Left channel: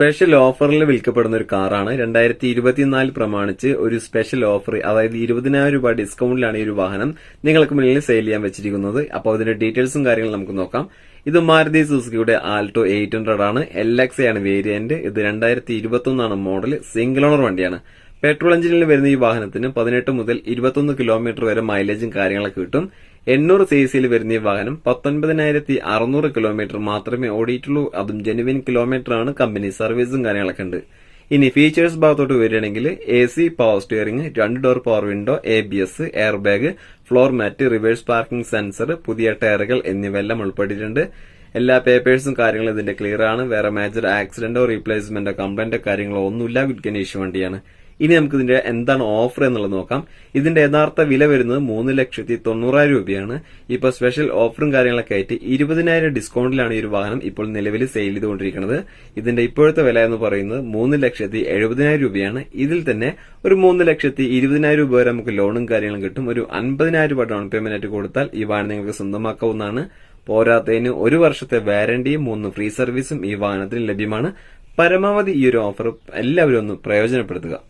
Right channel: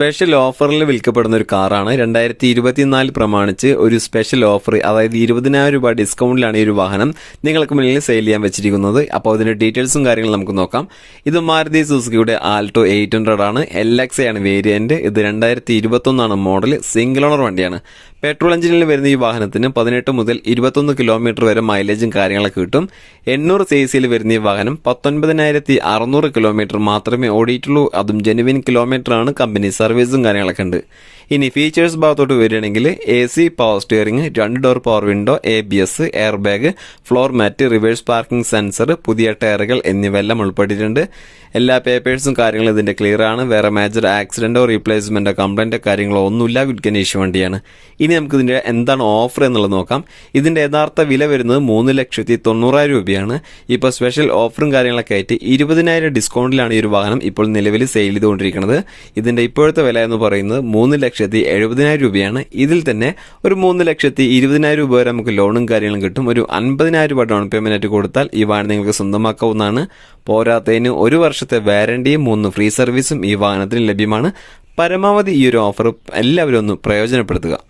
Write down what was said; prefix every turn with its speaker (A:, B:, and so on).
A: Special ഓഫറിൽ വിൽക്കപ്പെടുന്ന ഒരു കാറാണ്. രണ്ടായിരത്തി ഇരുപത്തിനാല് പ്രമാണിച്ച് ഒരു സ്പെഷ്യൽ ഓഫർ അതായത് ഇരുപതിനായിരം രൂപ ഡിസ്കൗണ്ടിലാണ് ഈ ഒരു വാഹനം നിങ്ങൾക്ക് മുന്നിൽ സെയിൽ ചെയ്യാൻ വെച്ചിരിക്കുന്നത്. അപ്പോൾ അതിന്റെ ഡീറ്റെയിൽസും കാര്യങ്ങളും നമുക്ക് നോക്കാം. ഇത് മാരുതി സുസുക്കിയുടെ ആൾട്ടോ എയ്റ്റ് ഹൺഡ്രഡ് ആണ്. എൽ എക്സ് ആണ് വേരിയന്റ് ഇത് രണ്ടായിരത്തി ഇരുപത്തൊന്നാണ് മോഡൽ സിംഗിൾ ഓണർ വണ്ടിയാണ്. പെട്രോൾ എഞ്ചിനിൽ വരുന്ന ഈ വാഹനത്തിന് പതിനെട്ട് മുതൽ ഇരുപത്തൊന്ന് കിലോമീറ്റർ വരെ മൈലേജും കാര്യങ്ങളൊക്കെ കിട്ടും. എണ്ണൂറ് സി സിയിൽ വരുന്ന ഈ വാഹനം പത്തൊൻപതിനായിരത്തി അറുന്നൂറ് കിലോമീറ്റർ മാത്രമേ ഓടിയിട്ടുള്ളൂ. അതും ജെനുവിൻ കിലോമീറ്റർ ആണ്. കമ്പനി സർവീസും കാര്യങ്ങളൊക്കെ ഉണ്ട്. ഇനി ഫീച്ചേഴ്സ് ഭാഗത്തോട്ട് വരികയാണെങ്കിൽ എ സി പവർ സ്റ്റിയറിംഗ് രണ്ട് door power window A B S air bag floor mat reverse parking sensor പുതിയ ടയറുകൾ എന്നിവയെല്ലാം ഉൾപ്പെട്ടിട്ടുണ്ട്. എല്ലാ പേപ്പേഴ്സും കാര്യങ്ങളും ഇതിന്റെ ക്ലിയർ ആണ്. വേറെ മേജർ ആക്സിഡന്റോ റീപ്ലേസ്മെന്റോ കംപ്ലൈന്റോ കാര്യങ്ങളോ ഒന്നുമില്ല. ഗുഡ് കണ്ടീഷൻ വണ്ടിയാണ്. ഇനി നമുക്ക് ഇതിന്റെ എന്താണ് ഓഫർ എന്നുള്ളത് നോക്കാം. ഇതിന്റെ യഥാർത്ഥ വില വരുന്നത് മൂന്ന് ലക്ഷത്തി തൊണ്ണൂറായിരം രൂപയാണ്. ഇപ്പോൾ സ്പെഷ്യൽ ഓഫറും കാര്യങ്ങളൊക്കെ ആയിട്ട് ഇരുപതിനായിരം ഡിസ്കൗണ്ടിലാണ് ഈ ഒരു വാഹനം ഇപ്പോൾ നിലവിൽ സെയിൽ ചെയ്തുകൊണ്ടിരിക്കുന്നത്. ഇതിന്റെ ഇപ്പോഴത്തെ വില എന്ന് പറയുന്നത് മൂന്ന് ലക്ഷത്തി എഴുപതിനായിരം രൂപയാണ്. ഇതിൽ തന്നെ ഒരു മൂന്ന് ലക്ഷത്തി ഇരുപതിനായിരം രൂപ വരെ നമുക്ക് ലോണും കാര്യങ്ങളും കിട്ടും. ഒരു അൻപതിനായിരം രൂപ ഡൗൺ പേയ്മെന്റ് കൊടുത്താൽ ഈ വാഹനം നിങ്ങൾക്ക് സ്വന്തമാക്കാവുന്നതാണ്. പോരാത്തതിന് ഒരു വർഷത്തെ വാരണ്ടിയും മൂന്ന് ഫ്രീ സർവീസും ഈ വാഹനത്തിന് ലഭ്യമാണ്. പരമാവധി ഈ ഒരു ഓഫർ എല്ലാവരും ഒന്ന് പ്രയോജനപ്പെടുത്തുക.